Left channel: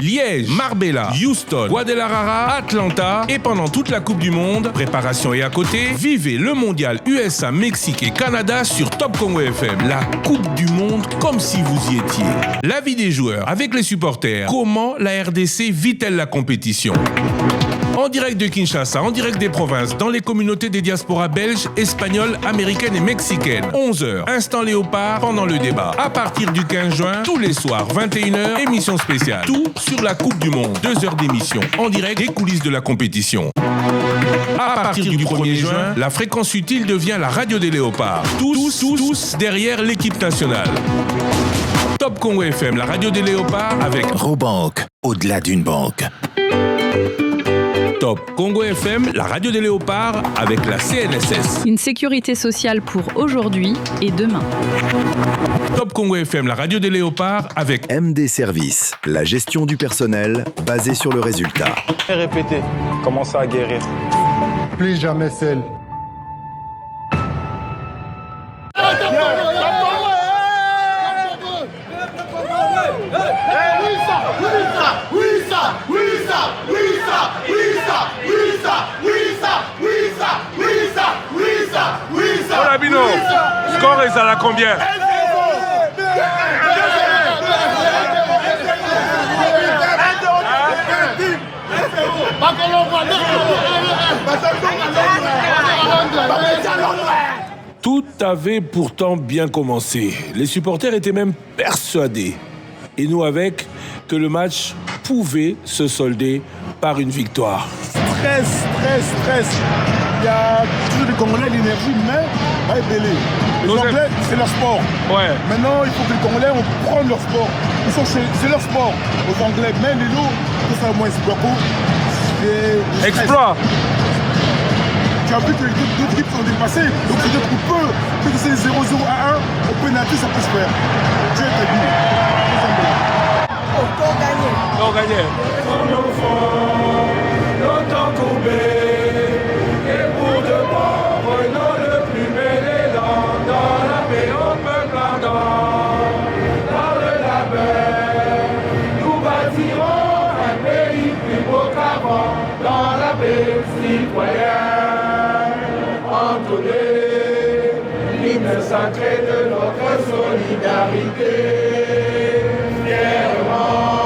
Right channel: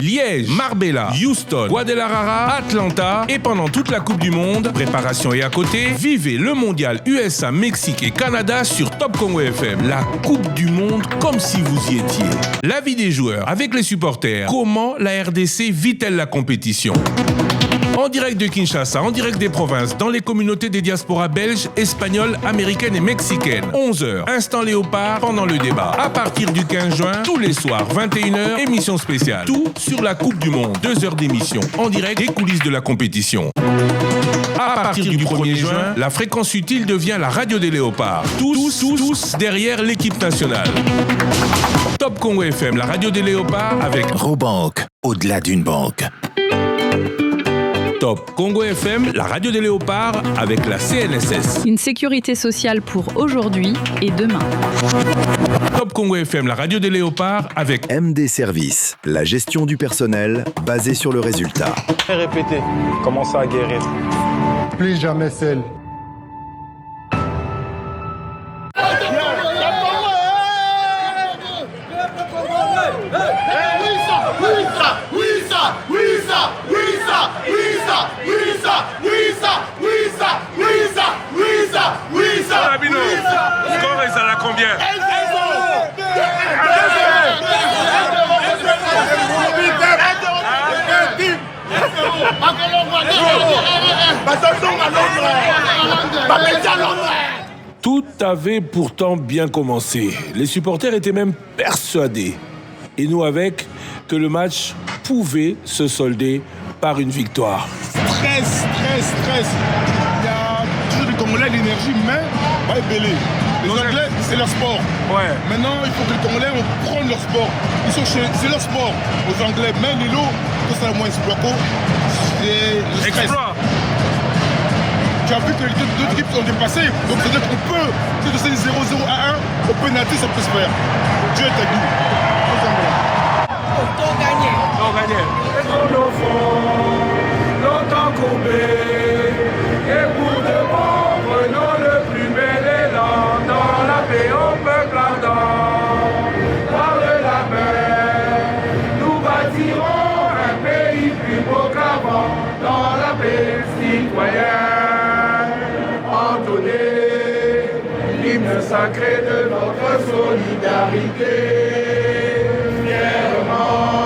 Liège, Marbella, Houston, Guadalajara, Atlanta et pendant toute la Coupe du Monde, préparation et à côté, vivez le mondial USA, Mexique et Canada sur Top Congo FM. La Coupe du Monde comme si vous y étiez. L'avis des joueurs avec les supporters. Comment la RDC vit-elle la compétition ? En direct de Kinshasa, en direct des provinces, dans les communautés des diasporas belges, espagnoles, américaines et mexicaines. 11h, Instant Léopard pendant le débat. À partir du 15 juin, tous les soirs, 21h, émission spéciale. Tout sur la Coupe du Monde. 2 heures d'émission, en direct des coulisses de la compétition. À partir du 1er juin, la fréquence utile devient la radio des Léopards. Tous derrière l'équipe nationale. Top Congo FM, la radio des Léopards avec Robank, au-delà d'une banque. Top Congo FM, la radio des Léopards avec la CNSS. Une sécurité sociale pour aujourd'hui et demain. Top Congo FM, la radio des Léopards avec MD Service, la gestion du personnel basée sur le résultat. Répétez, commencez à guérir. Plus jamais seul. Olabino, score est à combien? Tout avait pourtant bien commencé. Les supporters étaient même persuadés, et nous avec, que le match pouvait se solder par une victoire. Stress. Il y a toujours des Congolais, l'énergie, mais va épeler. Les Anglais, c'est leur sport. Ouais. Maintenant, il faut que les Congolais prennent leur sport. C'est leur sport. Aux Anglais, mais les lots, tout ça, moins beaucoup. Exploit. Tu as vu que les deux équipes sont dépassées. Donc, c'est-à-dire qu'on peut, que c'est 0-0 à 1, au pénalty, ça peut se faire. Dieu est dit. On gagne. Longtemps courbé. L'hymne sacré de notre solidarité, fièrement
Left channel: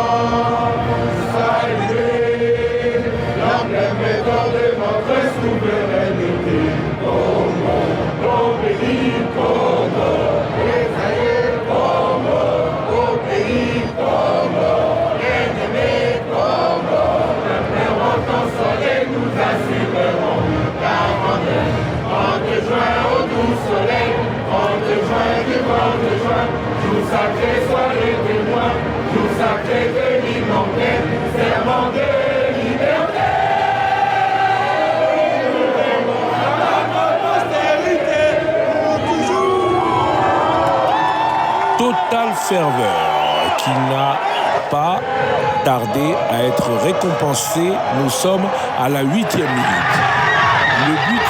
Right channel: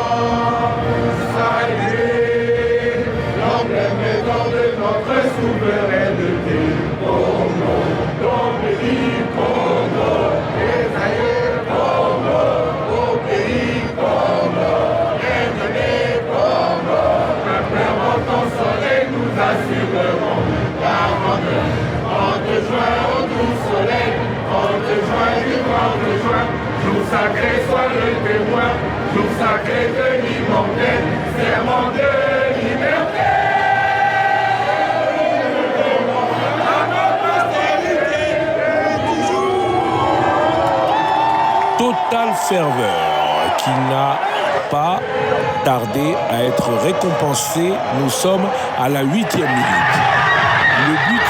saluer l'emblème d'or de notre souveraineté. Congo, au pays Congo, Israël Congo, au pays Congo, l'ennemi Congo, le pleurant en soleil nous assurerons la grandeur. 30 juin au doux soleil, 30 juin du 30 juin, jour sacré, soirée témoin, jour sacré de l'immortel, serment de liberté. Totale ferveur qui n'a pas tardé à être récompensée. Nous sommes à la 8e minute. Le but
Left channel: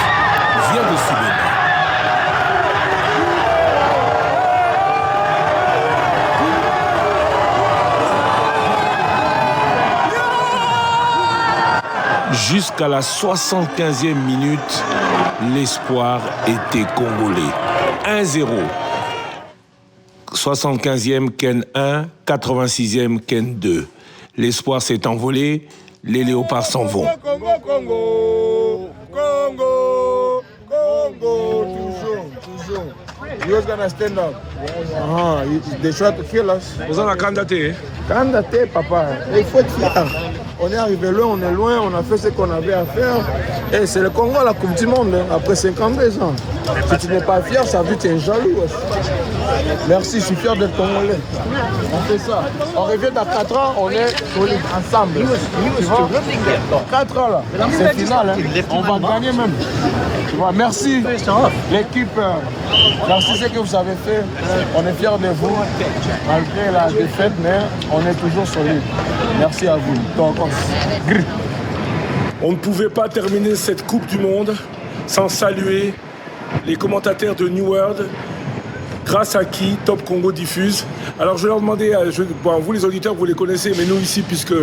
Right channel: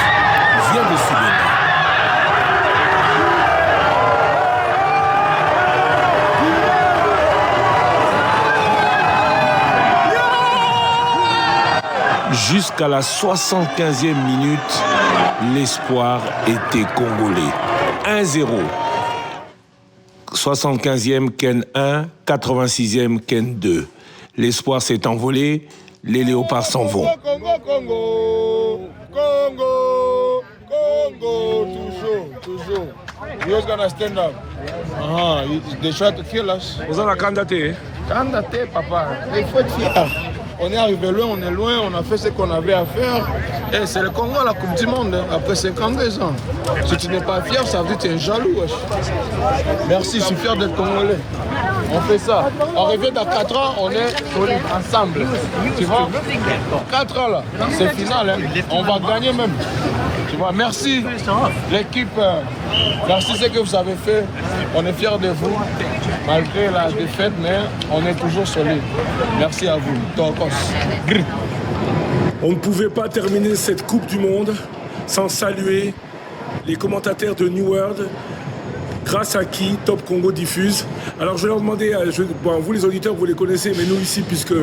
vient de s'y donner. Jusqu'à la 75e minute, l'espoir était congolais. 1-0. 75e Ken 1, 86e Ken 2. L'espoir s'est envolé, les léopards s'en vont. Toujours. You was gonna stand up. They try to kill us. Vous en avez candidaté, Candidaté, papa. Il faut être fier. On est arrivé loin, on est loin, on a fait ce qu'on avait à faire. Et c'est le Congo à la Coupe du Monde, après 52 ans. Si tu n'es pas fier, ça veut dire que tu es jaloux. Merci, je suis fier d'être Congolais. On fait ça. On revient dans 4 ans, on est solides, ensemble. Tu vois? Dans 4 ans, là, c'est final. On va gagner même. Tu vois? Merci, l'équipe. Merci ce que vous avez fait. On est fiers de vous. Malgré la défaite, mais on est toujours solides. Merci à vous. Donc, On ne pouvait pas terminer cette Coupe du Monde sans saluer les commentateurs de New World grâce à qui Top Congo diffuse. Alors je vais leur demander, vous les auditeurs, vous les connaissez, mais nous ici, puisque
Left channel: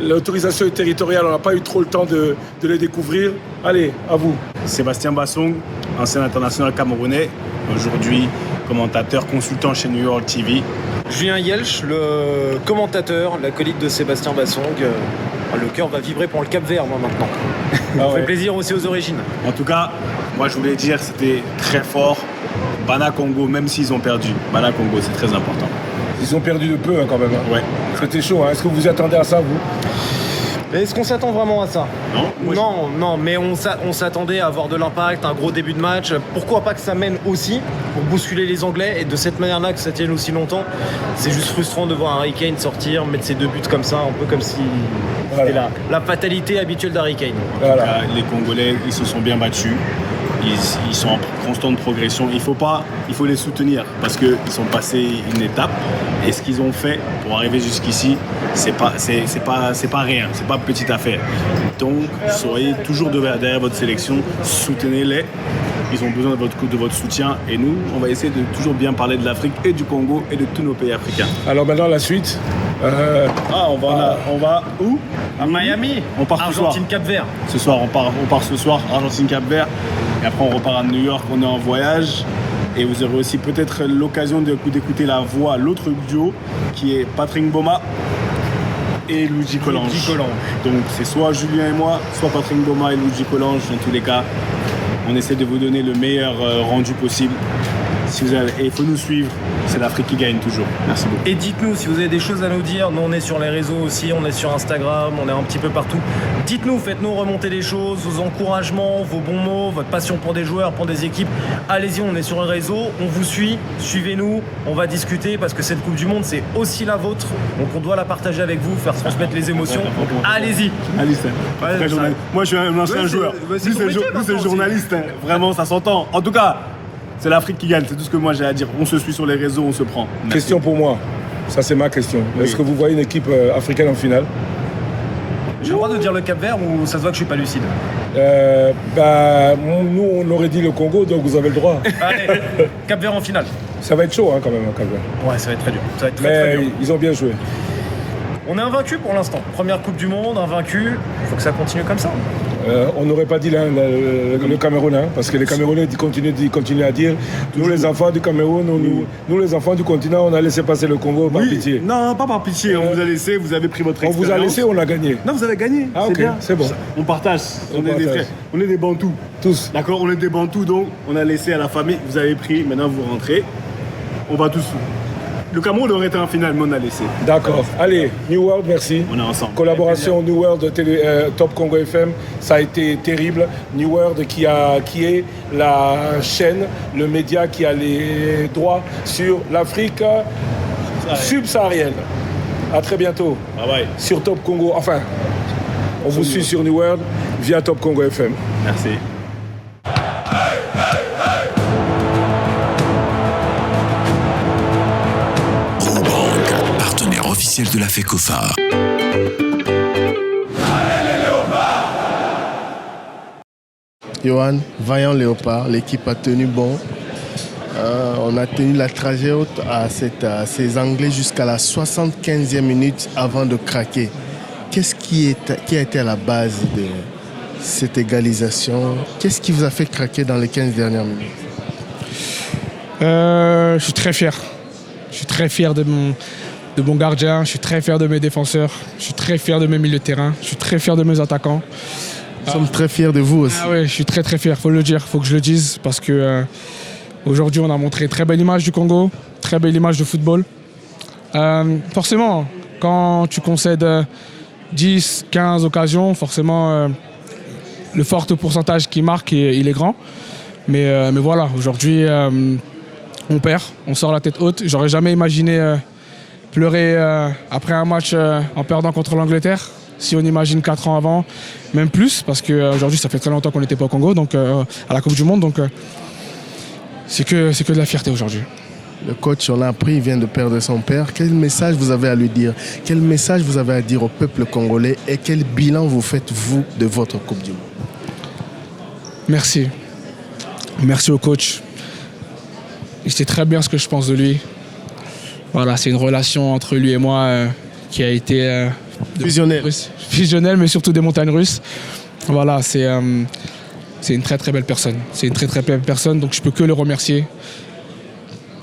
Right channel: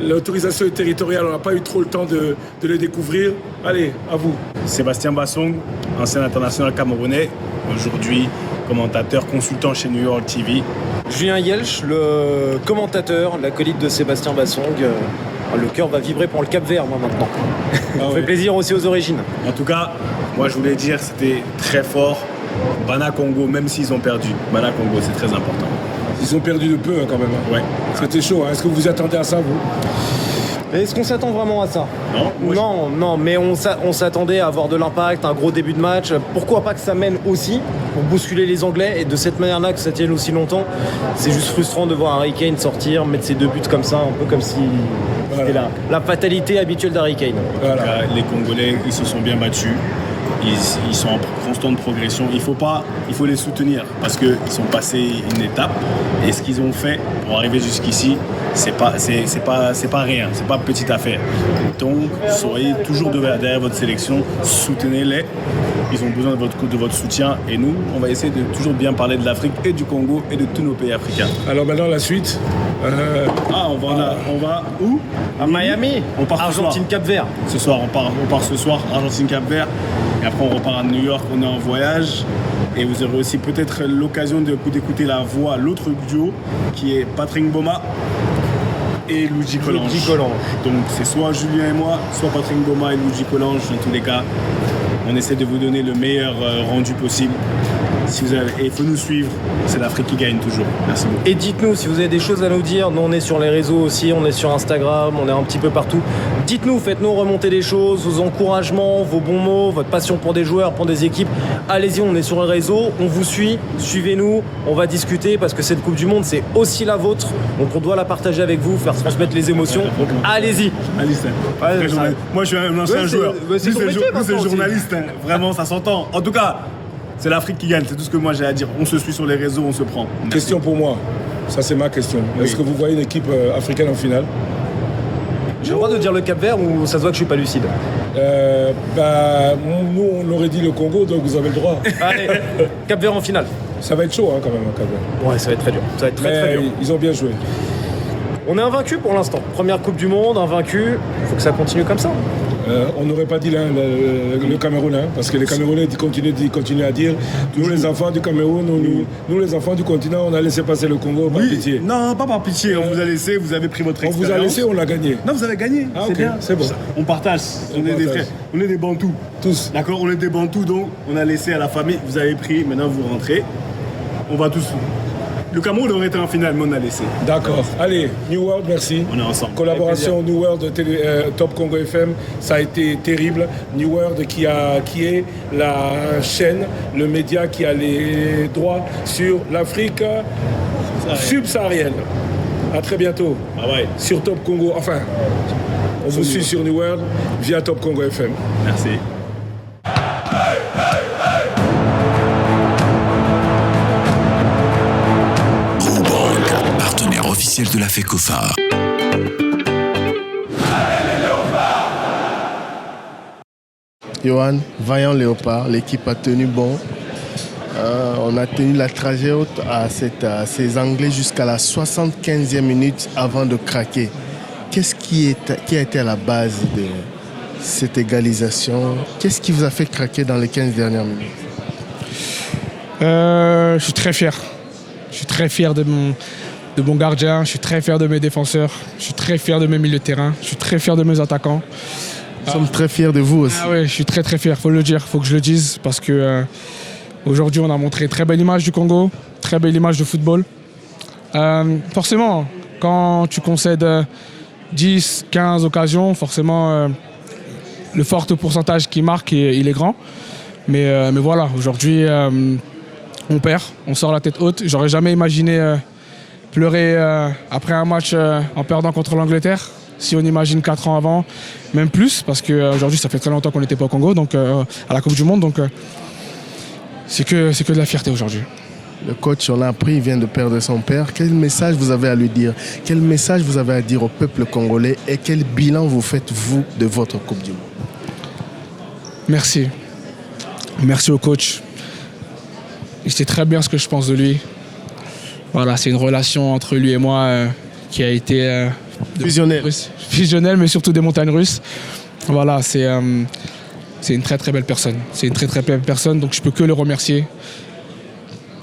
l'autorisation est territoriale, on n'a pas eu trop le temps de les découvrir. Allez, à vous. Sébastien Bassong, ancien international camerounais, aujourd'hui commentateur consultant chez New York TV. Julien Yelch, le commentateur, l'acolyte de Sébastien Bassong. Le cœur va vibrer pour le Cap-Vert, moi, maintenant. Ça fait plaisir aussi aux origines. En tout cas, moi, je voulais dire, c'était très fort. Bana Congo, même s'ils ont perdu, Bana Congo, c'est très important. Ils ont perdu de peu, quand même. Ouais. C'était chaud. Est-ce que vous vous attendez à ça, vous ? Mais est-ce qu'on s'attend vraiment à ça ? Non, mais on s'attendait à avoir de l'impact, un gros début de match. Pourquoi pas que ça mène aussi pour bousculer les Anglais et de cette manière-là que ça tienne aussi longtemps. C'est juste frustrant de voir Harry Kane sortir, mettre ses 2 buts comme ça, un peu comme si c'était la fatalité habituelle d'Harry Kane. En tout cas, les Congolais, ils se sont bien battus. Ils sont en constante progression. Il faut les soutenir parce qu'ils sont passés une étape. Et ce qu'ils ont fait pour arriver jusqu'ici, c'est pas rien, c'est pas petite affaire. Donc, soyez toujours derrière votre sélection, soutenez-les. Ils ont besoin de votre soutien. Et nous, on va essayer de toujours bien parler de l'Afrique et du Congo et de tous nos pays africains. Alors maintenant, la suite. On va où ? À Miami. On part Argentine-Cap-Vert. Ce soir, on part ce soir, Argentine-Cap-Vert. Et après, on repart à New York, on est en voyage. Et vous aurez aussi peut-être l'occasion d'écouter la voix, l'autre duo, qui est Patrick Mboma et Luigi Collange. Donc c'est soit Julien et moi, soit Patrick Mboma et Luigi Collange. Dans tous les cas, on essaie de vous donner le meilleur rendu possible. Et il faut nous suivre, c'est l'Afrique qui gagne toujours. Merci beaucoup. Et dites-nous si vous avez des choses à nous dire. Nous, on est sur les réseaux aussi, on est sur Instagram, on est un petit peu partout. Dites-nous, faites-nous remonter les choses, vos encouragements, vos bons mots, votre passion pour des joueurs, pour des équipes. Allez-y, on est sur les réseaux, on vous suit, suivez-nous, on va discuter parce que cette Coupe du Monde, c'est aussi la vôtre. Donc on doit la partager avec vous, faire transmettre les émotions. Allez-y. Moi, je suis un ancien joueur. Lui, c'est le journaliste. Vraiment, ça s'entend. En tout cas, c'est l'Afrique qui gagne, c'est tout ce que moi j'ai à dire. On se suit sur les réseaux, on se prend. Merci. Question pour moi, ça c'est ma question. Oui. Est-ce que vous voyez une équipe africaine en finale ? J'ai le droit de dire le Cap-Vert ou ça se voit que je suis pas lucide ? Nous on aurait dit le Congo, donc vous avez le droit. Allez, Cap-Vert en finale. Ça va être chaud quand même, Cap-Vert. Ouais, ça va être très dur. Ça va être très dur. Ils ont bien joué. On est invaincu pour l'instant. Première Coupe du Monde, invaincu. Il faut que ça continue comme ça. On n'aurait pas dit le Cameroun, parce que les Camerounais continuent à dire nous les enfants du Cameroun, nous les enfants du continent, on a laissé passer le Congo par pitié. Non, pas par pitié, on vous a laissé, vous avez pris votre expérience. On vous a laissé, on a gagné. Non, vous avez gagné, c'est bien. C'est bon. On partage, on est des frères, on est des Bantous. Tous. D'accord, on est des Bantous, donc on a laissé à la famille, vous avez pris, maintenant vous rentrez, on va tous. Le Cameroun aurait été en finale, mais on a laissé. D'accord. Allez, New World, merci. On est ensemble. Collaboration New World Top Congo FM, ça a été terrible. New World qui est la chaîne, le média qui a les droits sur l'Afrique subsaharienne. À très bientôt. Bye bye. Sur Top Congo. Enfin, on vous suit sur New World via Top Congo FM. Merci. Officiel de la FECOFA. Johan, vaillant léopard, l'équipe a tenu bon. On a tenu la trajet haute à ces Anglais jusqu'à la 75e minute avant de craquer. Qu'est-ce qui a été à la base de cette égalisation? Qu'est-ce qui vous a fait craquer dans les 15 dernières minutes? Je suis très fier. Je suis très fier de mon gardien, je suis très fier de mes défenseurs, je suis très fier de mes milieux de terrain, je suis très fier de mes attaquants. Nous sommes très fiers de vous aussi. Ah ouais, je suis très très fier, faut le dire, faut que je le dise parce que aujourd'hui on a montré une très belle image du Congo, très belle image de football. Forcément, quand tu concèdes 10, 15 occasions, forcément le fort pourcentage qui marque, il est grand. Mais voilà, aujourd'hui on perd, on sort la tête haute. J'aurais jamais imaginé pleurer après un match en perdant contre l'Angleterre. Si on imagine 4 ans avant, même plus, parce qu'aujourd'hui ça fait très longtemps qu'on n'était pas au Congo, donc à la Coupe du Monde, donc c'est que de la fierté aujourd'hui. Le coach, on l'a appris, il vient de perdre son père. Quel message vous avez à lui dire? Quel message vous avez à dire au peuple congolais? Et quel bilan vous faites, vous, de votre Coupe du Monde? Merci. Merci au coach. Il sait très bien ce que je pense de lui. Voilà, c'est une relation entre lui et moi qui a été fusionnelle, mais surtout des montagnes russes. Voilà, c'est une très très belle personne. C'est une très très belle personne, donc je peux que le remercier.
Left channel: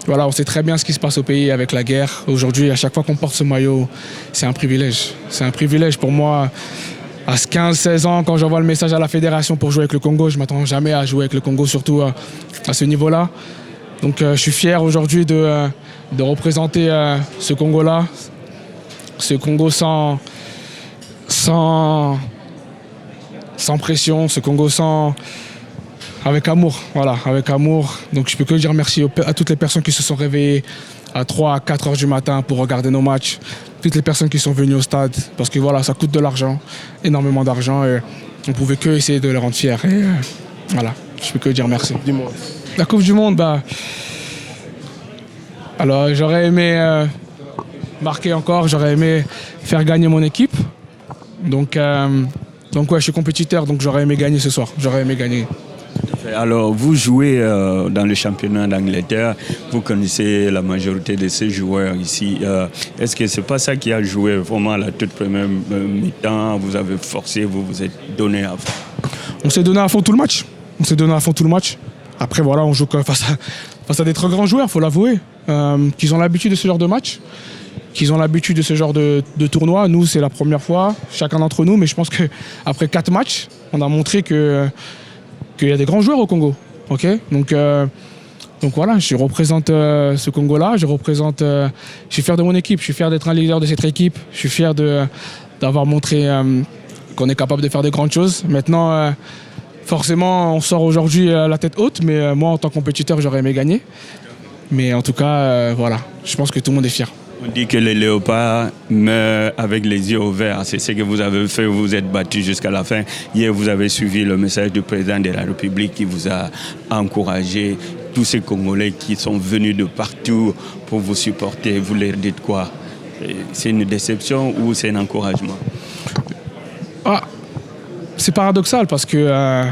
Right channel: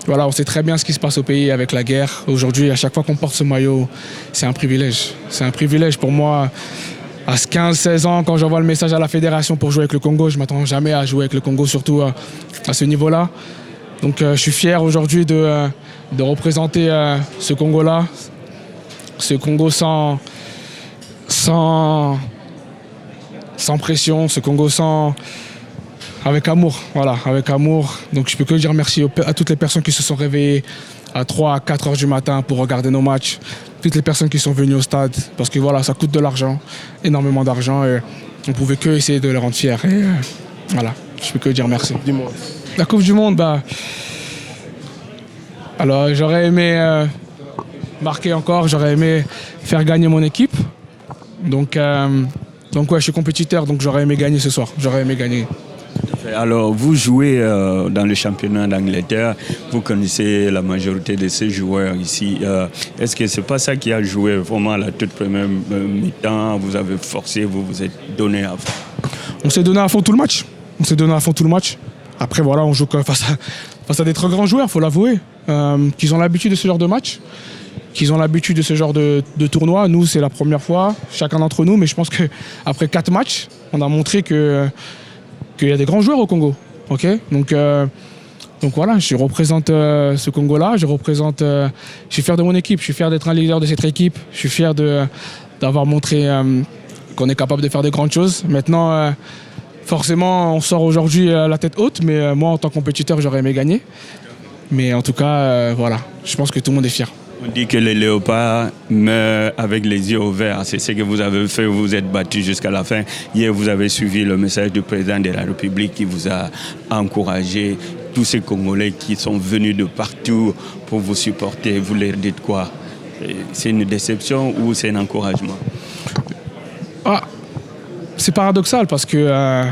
Voilà, on sait très bien ce qui se passe au pays avec la guerre. Aujourd'hui, à chaque fois qu'on porte ce maillot, c'est un privilège. C'est un privilège pour moi. À 15-16 ans, quand j'envoie le message à la fédération pour jouer avec le Congo, je ne m'attends jamais à jouer avec le Congo, surtout à ce niveau-là. Donc je suis fier aujourd'hui de représenter ce Congo-là, ce Congo sans pression, ce Congo avec amour, voilà, avec amour. Donc je peux que dire merci à toutes les personnes qui se sont réveillées à 3 à 4 heures du matin pour regarder nos matchs, toutes les personnes qui sont venues au stade, parce que voilà, ça coûte de l'argent, énormément d'argent, et on ne pouvait que essayer de les rendre fiers. Et voilà, je peux que dire merci. La Coupe du Monde, alors j'aurais aimé marquer encore, j'aurais aimé faire gagner mon équipe. Donc ouais, je suis compétiteur, donc j'aurais aimé gagner ce soir, j'aurais aimé gagner. Alors, vous jouez dans le championnat d'Angleterre, vous connaissez la majorité de ces joueurs ici. Est-ce que c'est pas ça qui a joué vraiment à la toute première mi-temps? Vous avez forcé, vous vous êtes donné à fond? On s'est donné à fond tout le match. Après, voilà, on joue face à des très grands joueurs, il faut l'avouer, qui ont l'habitude de ce genre de match, qui ont l'habitude de ce genre de tournoi. Nous, c'est la première fois, chacun d'entre nous, mais je pense qu'après 4 matchs, on a montré qu'il y a des grands joueurs au Congo. Okay, donc voilà, je représente ce Congo-là, je suis fier de mon équipe, je suis fier d'être un leader de cette équipe, je suis fier d'avoir montré qu'on est capable de faire des grandes choses. Maintenant, forcément, on sort aujourd'hui la tête haute, mais moi, en tant que compétiteur, j'aurais aimé gagner. Mais en tout cas, voilà, je pense que tout le monde est fier. On dit que les léopards meurent avec les yeux ouverts. C'est ce que vous avez fait, vous vous êtes battu jusqu'à la fin. Hier, vous avez suivi le message du président de la République qui vous a encouragé. Tous ces Congolais qui sont venus de partout pour vous supporter, vous leur dites quoi? C'est une déception ou c'est un encouragement? C'est paradoxal parce que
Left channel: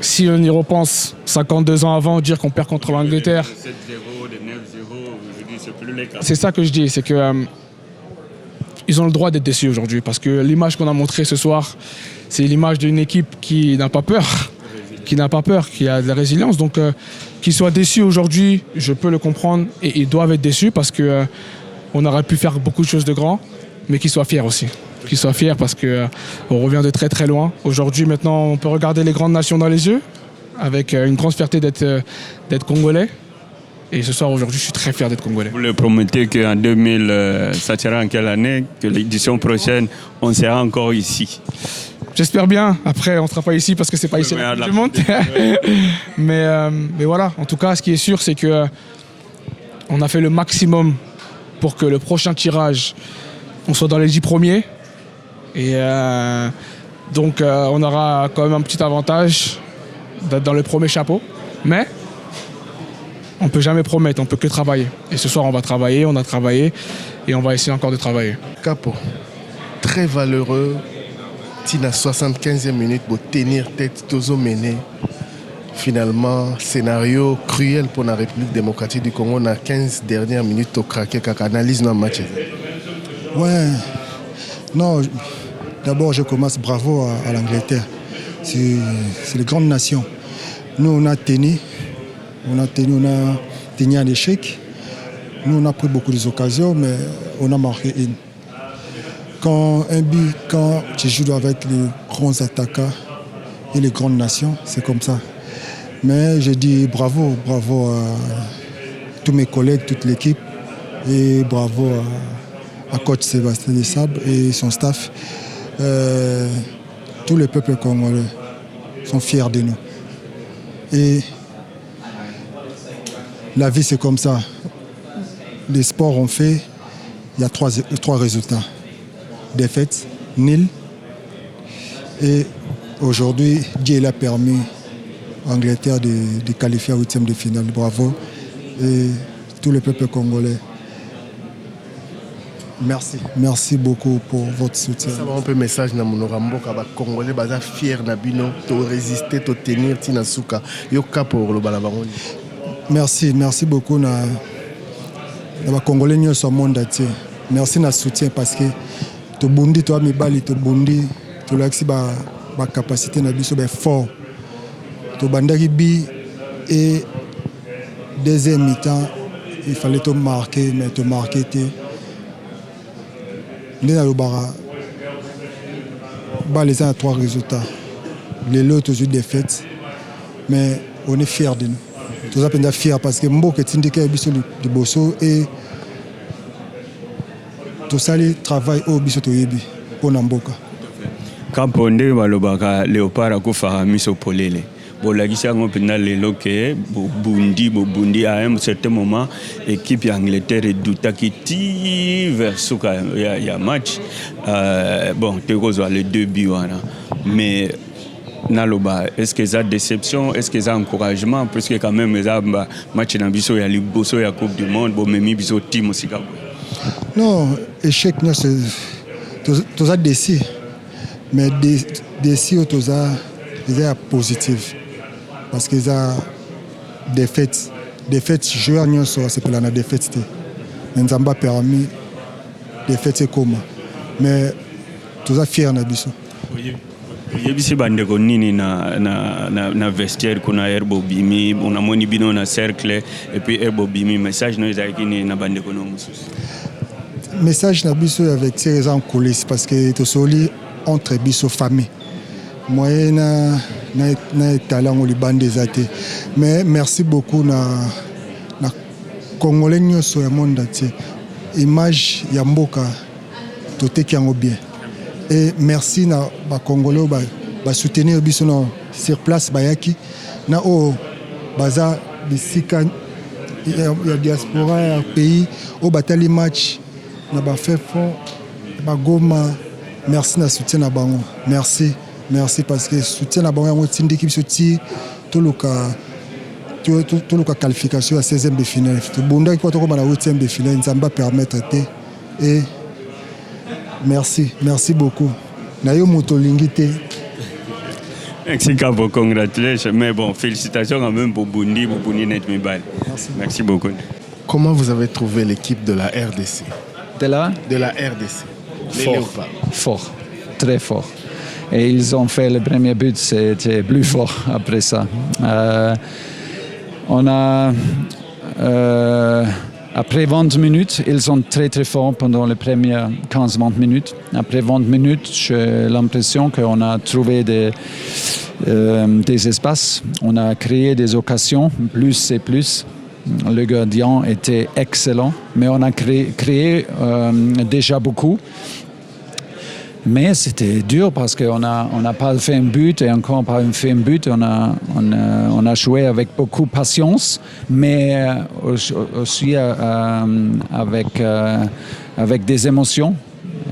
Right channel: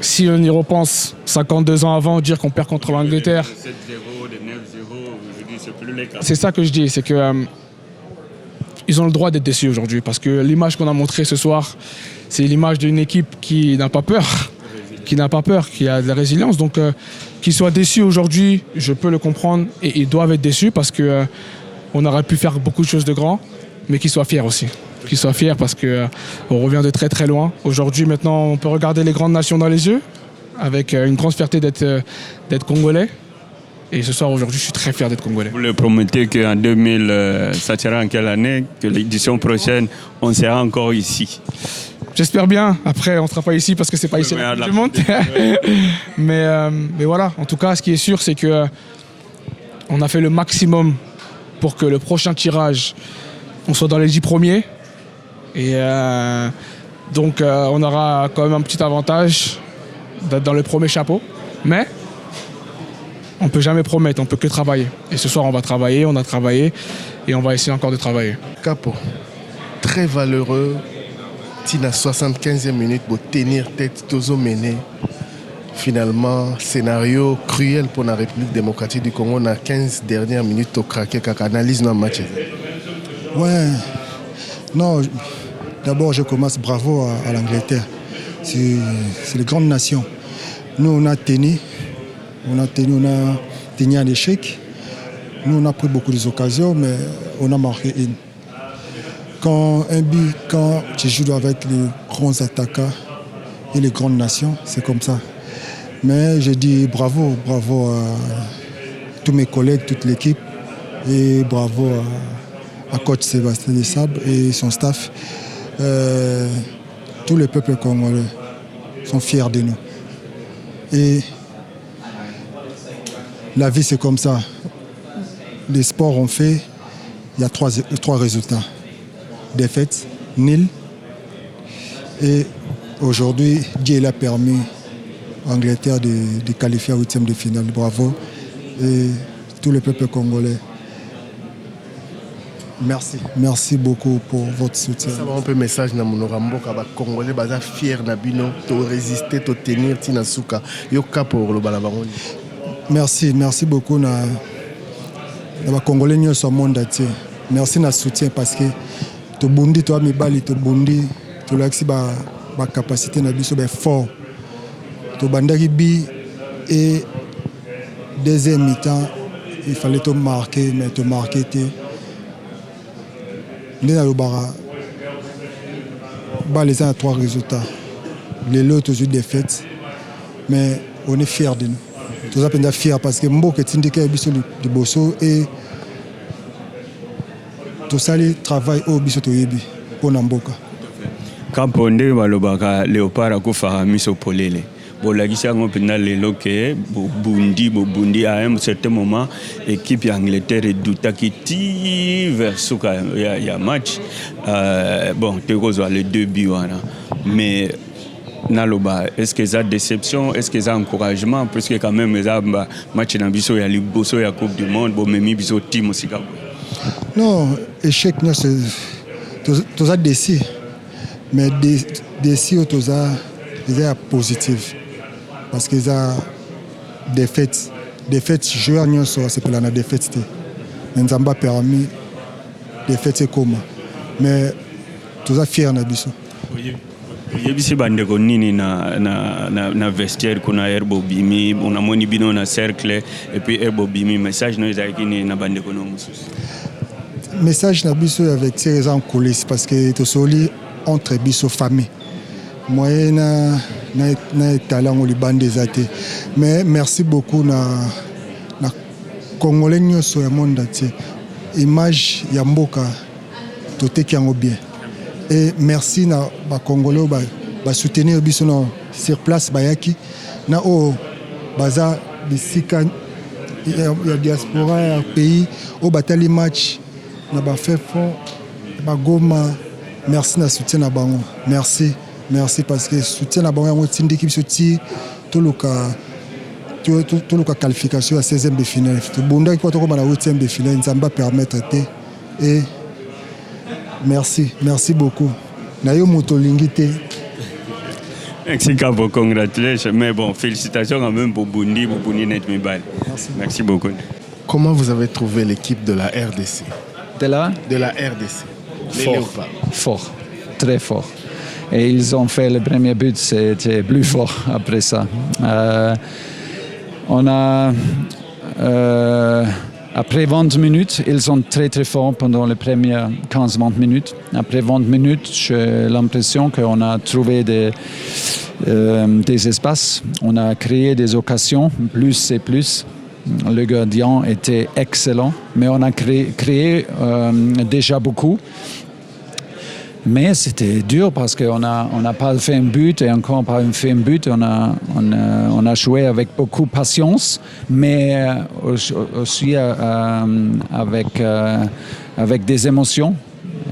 si on y repense 52 ans avant, dire qu'on perd contre l'Angleterre, c'est ça que je dis, c'est que ils ont le droit d'être déçus aujourd'hui parce que l'image qu'on a montrée ce soir, c'est l'image d'une équipe qui n'a pas peur, qui a de la résilience. Donc qu'ils soient déçus aujourd'hui, je peux le comprendre et ils doivent être déçus parce que on aurait pu faire beaucoup de choses de grand, mais qu'ils soient fiers aussi. Qu'ils soient fiers parce qu'on revient de très très loin. Aujourd'hui, maintenant, on peut regarder les grandes nations dans les yeux avec une grande fierté d'être Congolais. Et ce soir, aujourd'hui, je suis très fier d'être Congolais. Vous le promettez qu'en 2000, ça sera en quelle année? Que l'édition prochaine, on sera encore ici? J'espère bien. Après, on ne sera pas ici parce que ce n'est pas ici la Coupe du Monde. mais voilà, en tout cas, ce qui est sûr, c'est qu'on a fait le maximum pour que le prochain tirage, on soit dans les 10 premiers. Et donc, on aura quand même un petit avantage d'être dans le premier chapeau. Mais on ne peut jamais promettre, on ne peut que travailler. Et ce soir, on va travailler, on a travaillé et on va essayer encore de travailler. Capo, très valeureux. Tina 75e minute pour tenir tête, Tozo mené. Finalement, scénario cruel pour la République démocratique du Congo. On a 15 dernières minutes au craquer, qu'à analyse dans le match. Ouais, non, d'abord je commence bravo à l'Angleterre. C'est les grandes nations. Nous, on a tenu un échec. Nous, on a pris beaucoup d'occasions, mais on a marqué une. Quand tu joues avec les grands attaquants et les grandes nations, c'est comme ça. Mais je dis bravo à tous mes collègues, toute l'équipe, et bravo à coach Sébastien Desabre et son staff. Tous les peuples congolais sont fiers de nous. Et la vie, c'est comme ça. Les sports ont fait, il y a trois résultats. Défaite, nul. Et aujourd'hui, Dieu l'a permis à l'Angleterre de qualifier à 8e de finale. Bravo. Et tous les peuples congolais. Merci beaucoup pour votre soutien. Ça va un peu message na monorambo ka ba congolais baza fier na bino to résister to tenir tina suka yo ka pour le balabaroni. merci beaucoup na Congolais nyonso au monde entier. Merci na soutien parce que to bundi to mibali to bundi to laxi ba capacité na biso ba fort. To bandaki bi et deuxième mi-temps il fallait te marquer mais te marquer te ndena lobara ba les a 3 résultats. Les autres toujours défaites mais on est fiers de nous. Tous à peine fiers parce que Mboka tindika biso de bosso et tout ça le travail au biso to yebi pour Mboka. Kamponde balobaka Léopard akufa miso polele. Bolagisa ngopina lelo ke bundi à un certain moment équipe Angleterre doutaki ti vers suka ya match bon te kozwa les 2 buts mais naloba est-ce que ça déception est-ce que ça encouragement parce que quand même les match na biso ya liboso ya coupe du monde bo memi biso team aussi non échec non c'est tout ça déci mais déci tout ça c'est positif parce que ça défaite joueur non c'est pour la défaite nous avons permis défaite comme mais tout ça fier na biso. Yebisi bandeko nini na vestiaire kuna Herbo Bimi unamoni bino na cercle et puis Herbo Bimi message no ezaki ni na bandeko no mususu message na biso avec ces en coulisses parce que to soli entre biso famille moyena na talent au Liban des athées mais merci beaucoup na Congolais nyonso ya monde entier image ya mboka to tekiango bien. Et merci na ba Congolais ba soutenir biso sur place bayaki na o baza bisika ya diaspora ya pays au batali match na ba fait fond ba Goma merci na soutien na bango merci parce que soutien na bango tindiki biso ti toluka qualification à 16e de finale to bonda ki to ko na 8e de finale nzamba permettre te et merci beaucoup. Nayo motolingite. Merci beaucoup, congratulations. Mais bon, félicitations quand même pour Bundi net Mibal. Merci beaucoup. Comment vous avez trouvé l'équipe de la RDC? De la RDC. Fort, très fort. Et ils ont fait le premier but, c'était plus fort après ça. On a après 20 minutes, ils sont très très forts pendant les premières 15-20 minutes. Après 20 minutes, j'ai l'impression qu'on a trouvé des espaces, on a créé des occasions, plus et plus. Le gardien était excellent, mais on a créé déjà beaucoup. Mais c'était dur parce qu'on n'a pas fait un but et encore pas fait un but. On a joué avec beaucoup de patience, mais aussi avec des émotions.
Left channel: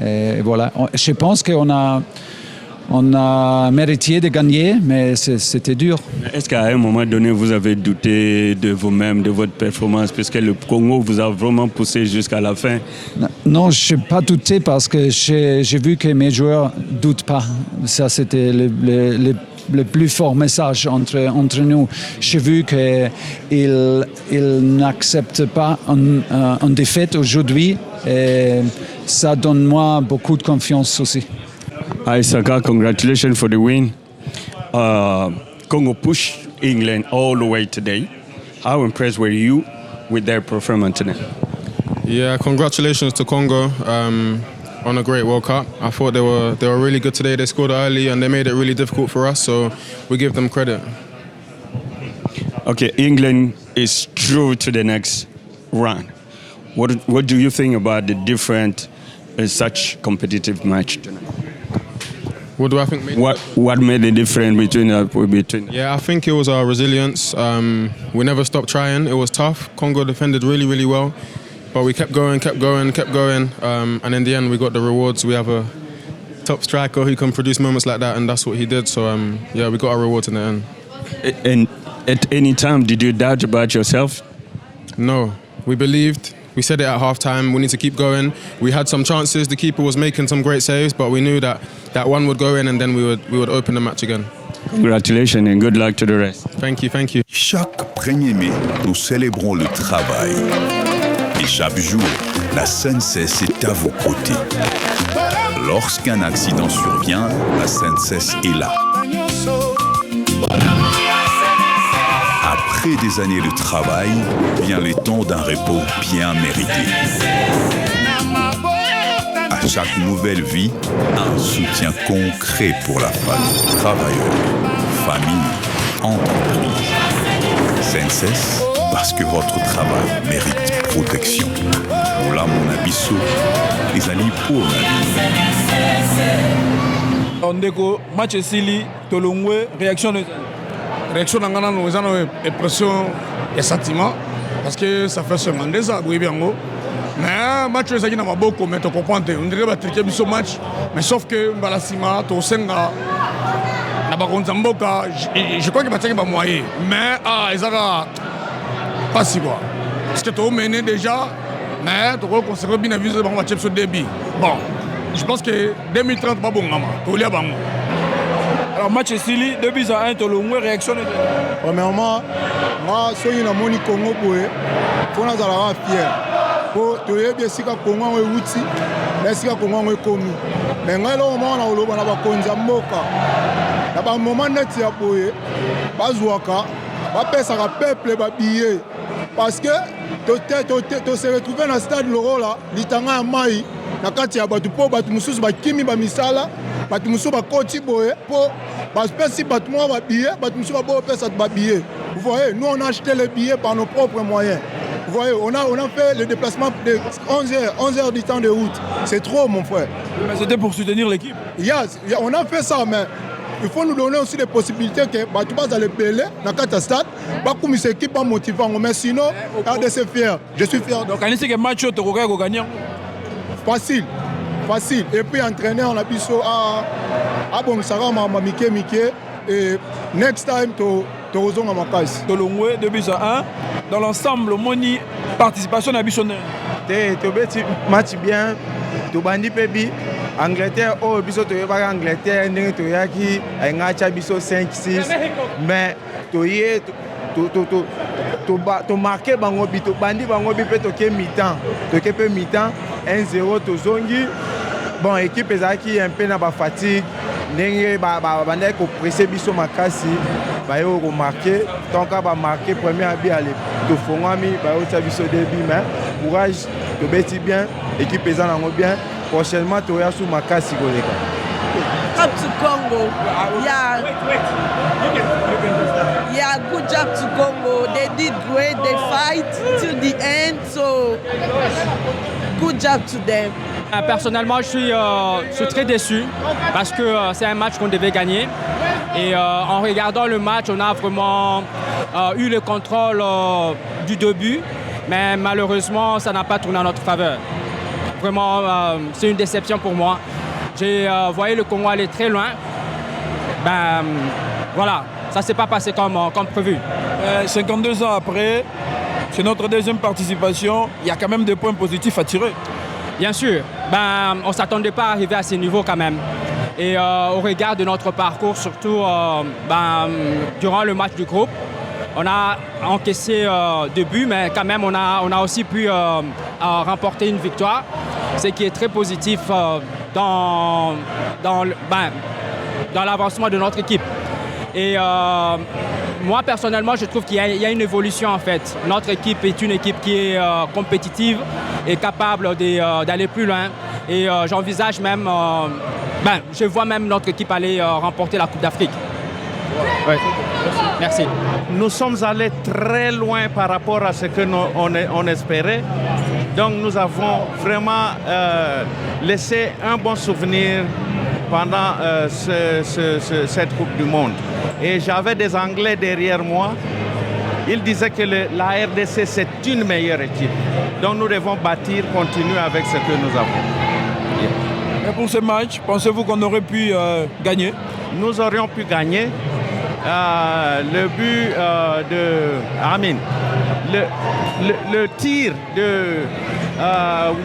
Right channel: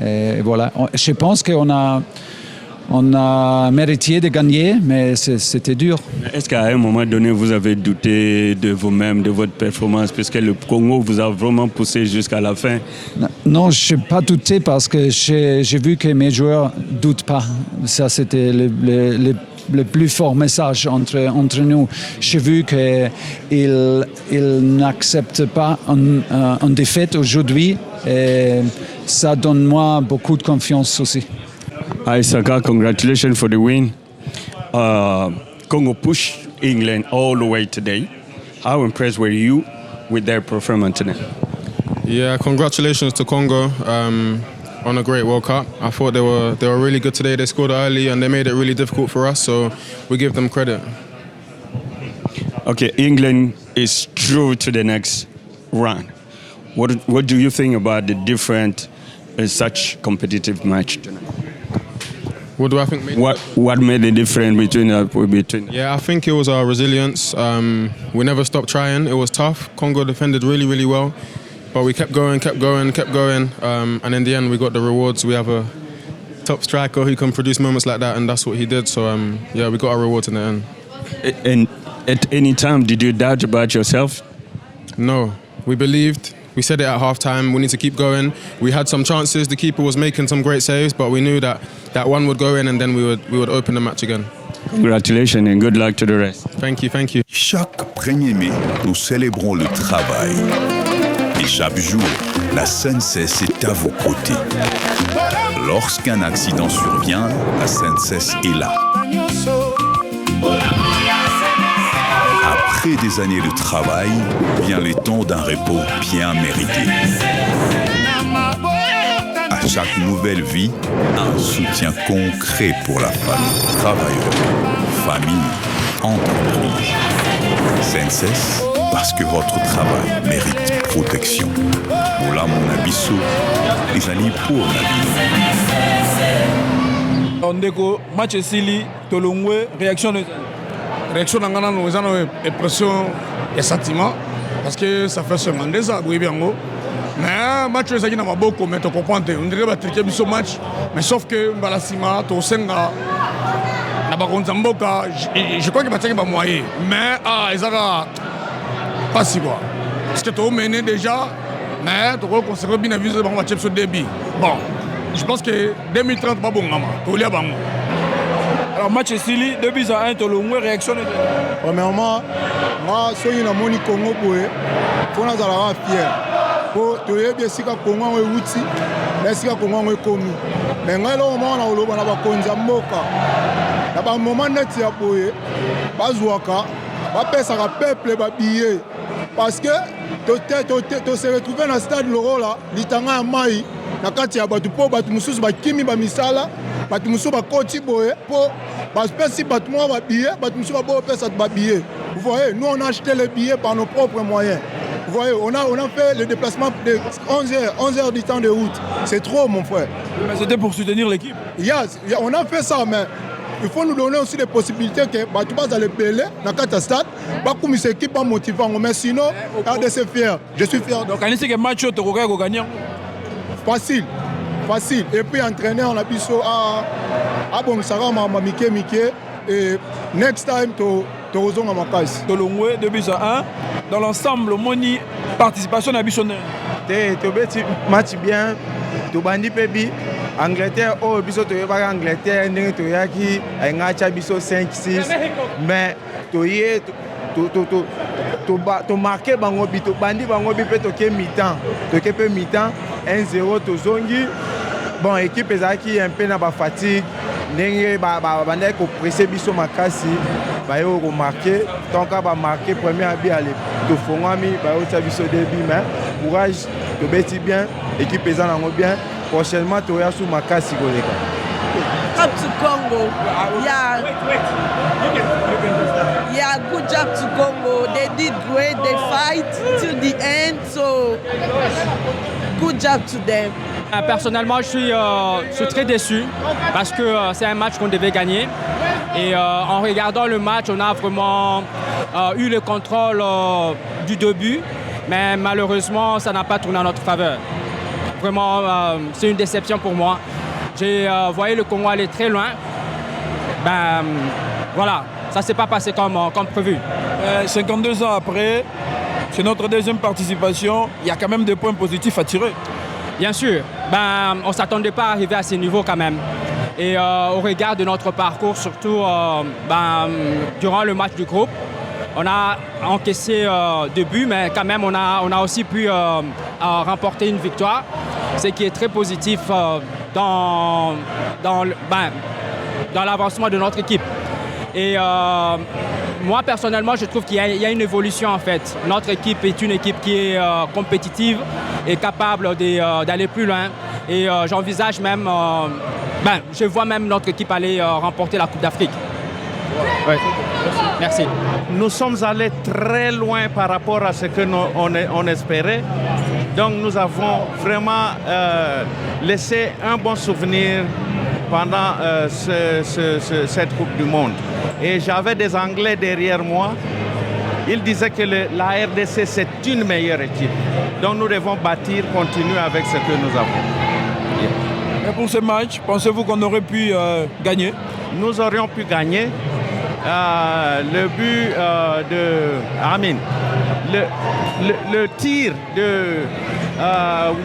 Et voilà. Je pense qu'on a mérité de gagner, mais c'était dur. Est-ce qu'à un moment donné, vous avez douté de vous-même, de votre performance, puisque le Congo vous a vraiment poussé jusqu'à la fin? Non, je n'ai pas douté parce que j'ai vu que mes joueurs ne doutent pas. Ça, c'était le plus fort message entre nous. J'ai vu qu'ils n'acceptent pas une défaite aujourd'hui et ça donne moi beaucoup de confiance aussi. Isaka, congratulations for the win. Congo pushed England all the way today. How impressed were you with their performance today? Yeah, congratulations to Congo on a great World Cup. I thought they were really good today. They scored early and they made it really difficult for us, so we give them credit. Okay, England is through to the next round. What do you think about the different such competitive match tonight? What do I think made what made the difference between? Yeah, I think it was our resilience. We never stopped trying. It was tough. Congo defended really, really well, but we kept going, and in the end we got the rewards. We have a top striker who can produce moments like that, and that's what he did. So yeah, we got our rewards in the end. And at any time, did you doubt about yourself? No, we believed. We said it at halftime, we need to keep going. We had some chances, the keeper was making some great saves, but we knew that one would go in and then we would open the match again. Congratulations and good luck to the rest. Thank you, thank you. Chaque 1er mai, nous célébrons le travail. Et chaque jour, la SNCF est à vos côtés. Lorsqu'un accident survient, la SNCF est là. Après des années de travail, vient le temps d'un repos bien mérité. À chaque nouvelle vie, un soutien concret pour la famille, travailleurs, famille, entreprise. SNCF, parce que votre travail mérite protection. Moula mon abisso, les alliés pour la vie. Ndeko, match esili, tolongwe, réaction de... Réaction dans Ghana, nous avons une pression et sentiment parce que ça fait 52 ans, oui bien gros. Mais match est qui n'a pas beaucoup, mais tu comprends, on dirait que tu as ce match, mais sauf que Balasima, tu sais je crois qu'il va moyen, mais ils ont pas si quoi. Parce que tu as mené déjà, mais tu as conservé bien vu le match sur début. Bon, je pense que 2030 pas bon, tu l'as bon. Alors match Sili, 2-1, tu as une réaction. Premièrement, moi, si je suis au Congo, il faut que je sois fier. Pour te dire que si le Congo est outil, mais si le Congo est connu. Mais moi, on a eu un moment où il y a un peuple billet. Parce que tu se retrouves dans le stade Loro, il y a un maï, il y a un kimi bamisala, batu musu ba koti boye pour parce que si batu moi ba billet, batu musu ba bo pesa ba billet. Vous voyez, nous on a acheté les billets par nos propres moyens. Vous voyez, on a fait le déplacement de 11 heures du temps de route. C'est trop mon frère. Mais c'était pour soutenir l'équipe. Yes, on a fait ça mais il faut nous donner aussi des possibilités que tu vas aller belé dans le stade, comme une équipe pas motivante, mais sinon, RDC fier. Je suis fier. Donc, on sait que match tu vas gagner. Facile. Et puis entraîner en abisso à bon Sarah Mike et next time tu rejoins ma case. Tolongwe 2-1 dans l'ensemble moni participation à Bissonner. Tu match bien, tu bandi pébi. Angleterre, biso to yeba Angleterre ndenge to yaki ngacha biso 5-6 mais to yé to marqué bango bi to bandi bango bi pe to ke mi-temps to ke pe mi-temps 1-0 to zongi bon équipe ezaki un peu na ba fatigue ndenge ba banda ko presser biso makasi ba yo ko marquer donc ba marquer premier but aller to fongami ba yo ta biso début mais courage to beti bien équipe ezango bien. Prochainement, tu vas sur Makasi. Up to Congo. Yeah, good job to Congo. They did great. They fight till the end. So, good job to them. Personnellement, je suis très déçu parce que c'est un match qu'on devait gagner. Et en regardant le match, on a vraiment eu le contrôle du début. Mais malheureusement, ça n'a pas tourné en notre faveur. Vraiment, c'est une déception pour moi. J'ai voyé le Congo aller très loin. Voilà, ça ne s'est pas passé comme prévu. 52 ans après, c'est notre deuxième participation. Il y a quand même des points positifs à tirer. Bien sûr. On ne s'attendait pas à arriver à ce niveau quand même. Et au regard de notre parcours, surtout durant le match du groupe, on a encaissé 2 buts, mais quand même on a aussi pu remporter une victoire, ce qui est très positif dans l'avancement de notre équipe. Et moi personnellement, je trouve qu'il y a une évolution en fait. Notre équipe est une équipe qui est compétitive et capable d'aller plus loin. Et j'envisage même, je vois même notre équipe aller remporter la Coupe d'Afrique. Ouais. Merci. Nous sommes allés très loin par rapport à ce que on espérait. Donc nous avons vraiment laissé un bon souvenir pendant cette Coupe du Monde. Et j'avais des Anglais derrière moi. Ils disaient que la RDC c'est une meilleure équipe. Donc nous devons continuer avec ce que nous avons. Et pour ce match, pensez-vous qu'on aurait pu gagner? Nous aurions pu gagner. Le but de Amin, le tir de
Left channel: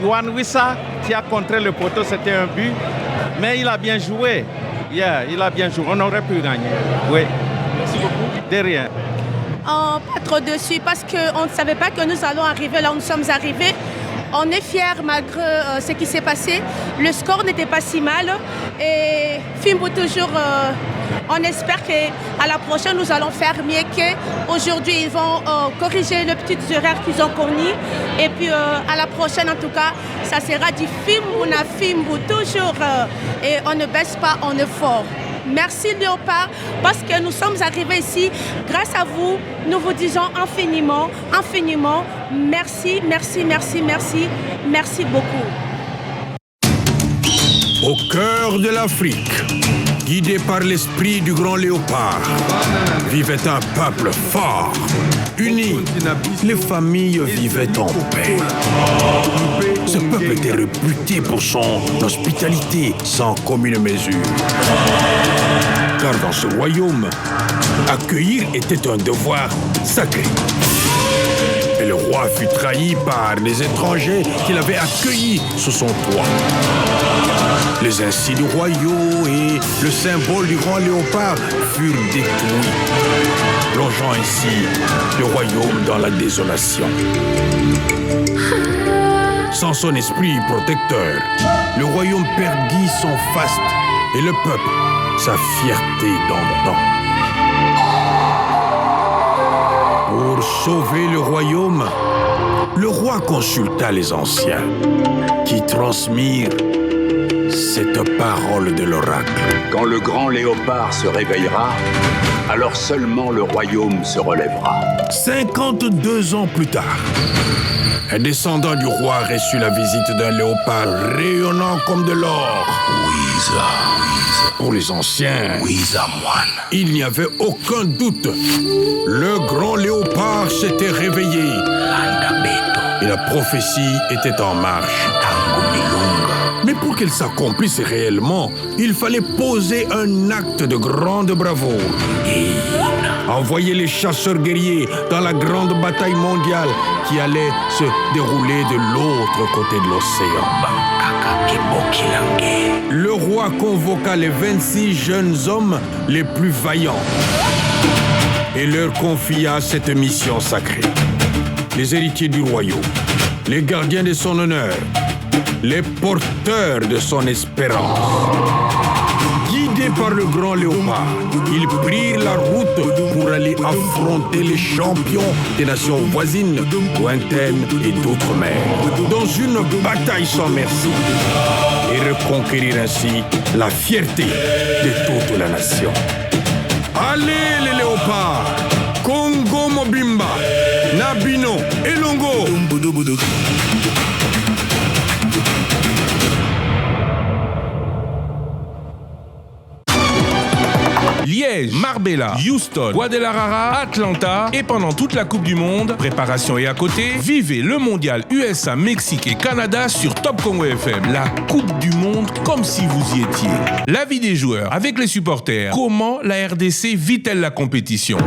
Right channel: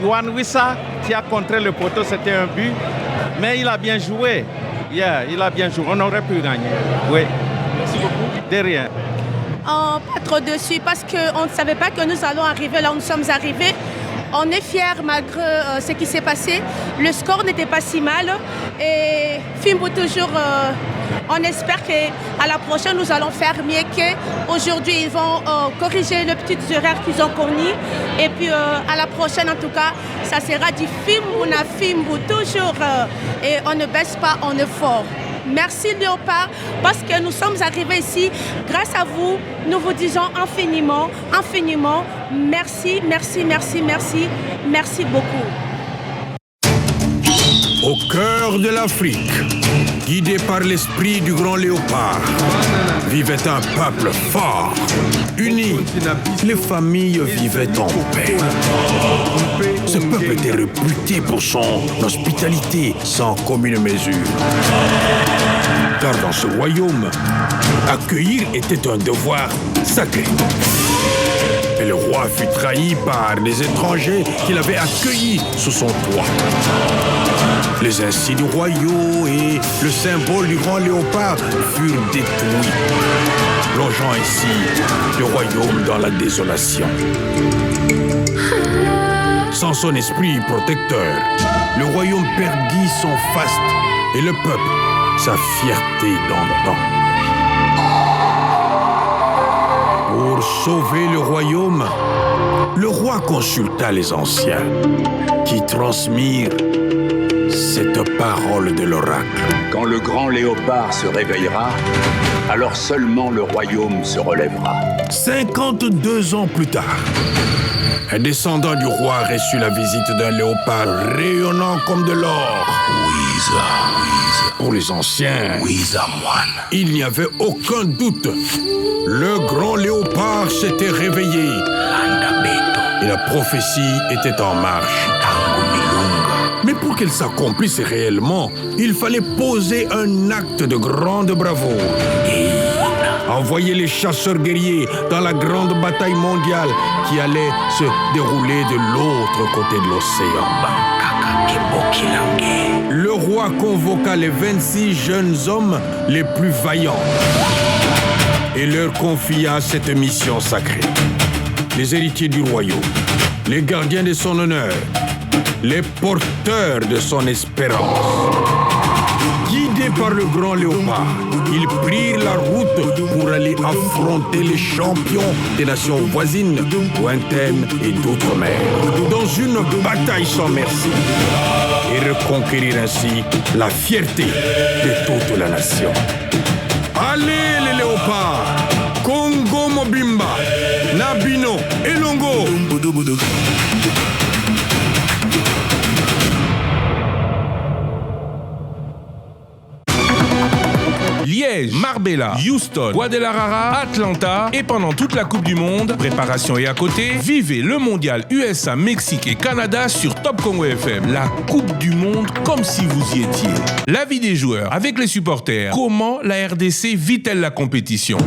Wan Wissa qui a contré le poteau, c'était un but, mais il a bien joué. il a bien joué. On aurait pu gagner. Oui. Merci beaucoup. De rien. Pas trop dessus parce qu'on ne savait pas que nous allons arriver là où nous sommes arrivés. On est fiers malgré ce qui s'est passé. Le score n'était pas si mal. Et Fimbo toujours, on espère qu'à la prochaine, nous allons faire mieux qu'aujourd'hui. Ils vont corriger les petites erreurs qu'ils ont commises. Et puis à la prochaine, en tout cas, ça sera du Fimbo toujours. Et on ne baisse pas, on est fort. Merci Léopard, parce que nous sommes arrivés ici. Grâce à vous, nous vous disons infiniment, infiniment, merci, merci, merci, merci, merci beaucoup. Au cœur de l'Afrique, guidé par l'esprit du grand léopard, vivait un peuple fort, uni. Les familles vivaient en paix. Ce peuple était réputé pour son hospitalité sans commune mesure. Car dans ce royaume, accueillir était un devoir sacré. Et le roi fut trahi par les étrangers qu'il avait accueillis sous son toit. Les insignes royaux et le symbole du grand léopard furent détruits, plongeant ainsi le royaume dans la désolation. Sans son esprit protecteur, le royaume perdit son faste et le peuple sa fierté d'antan. Pour sauver le royaume, le roi consulta les anciens qui transmirent cette parole de l'oracle. Quand le grand léopard se réveillera, alors seulement le royaume se relèvera. 52 ans plus tard, un descendant du roi reçut la visite d'un léopard rayonnant comme de l'or. Pour les anciens, il n'y avait aucun doute. Le grand léopard s'était réveillé. Et la prophétie était en marche. Mais pour qu'elle s'accomplisse réellement, il fallait poser un acte de grande bravoure. Envoyer les chasseurs guerriers dans la grande bataille mondiale qui allait se dérouler de l'autre côté de l'océan. Le roi convoqua les 26 jeunes hommes les plus vaillants et leur confia cette mission sacrée. Les héritiers du royaume, les gardiens de son honneur, les porteurs de son espérance. Guidés par le grand léopard, ils prirent la route pour aller affronter les champions des nations voisines, lointaines et d'outre-mer, dans une bataille sans merci, et reconquérir ainsi la fierté de toute la nation. Allez les léopards, Congo Mobimba, Nabino et Longo. Liège, Marbella, Houston, Guadalajara, Atlanta et pendant toute la Coupe du Monde, préparation et à côté, vivez le mondial USA, Mexique et Canada sur Top Congo FM. La Coupe du Monde comme si vous y étiez. L'avis des joueurs avec les supporters. Comment la RDC vit-elle la compétition ?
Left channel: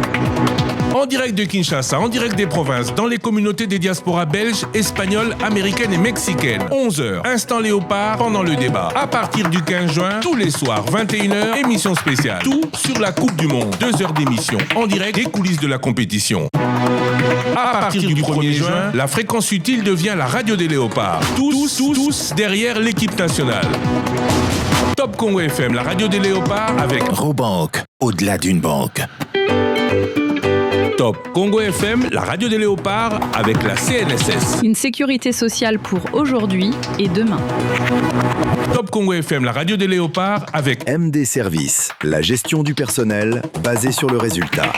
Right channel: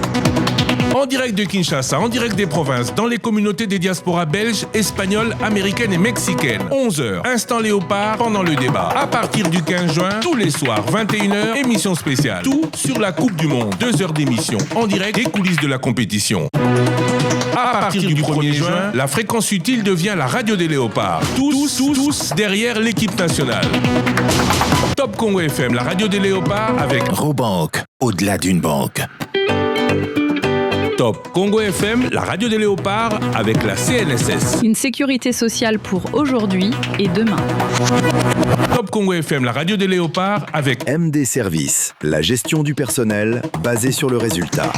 En direct de Kinshasa, en direct des provinces, dans les communautés des diasporas belges, espagnoles, américaines et mexicaines. 11h, Instant Léopard pendant le débat. À partir du 15 juin, tous les soirs, 21h, émission spéciale. Tout sur la Coupe du Monde. 2 heures d'émission en direct des coulisses de la compétition. À partir du 1er juin, la fréquence utile devient la radio des léopards. Tous derrière l'équipe nationale. Top Congo FM, la radio des léopards avec Robank, au-delà d'une banque. Top Congo FM, la radio des léopards avec la CNSS. Une sécurité sociale pour aujourd'hui et demain. Top Congo FM, la radio des léopards avec MD Service, la gestion du personnel basée sur le résultat.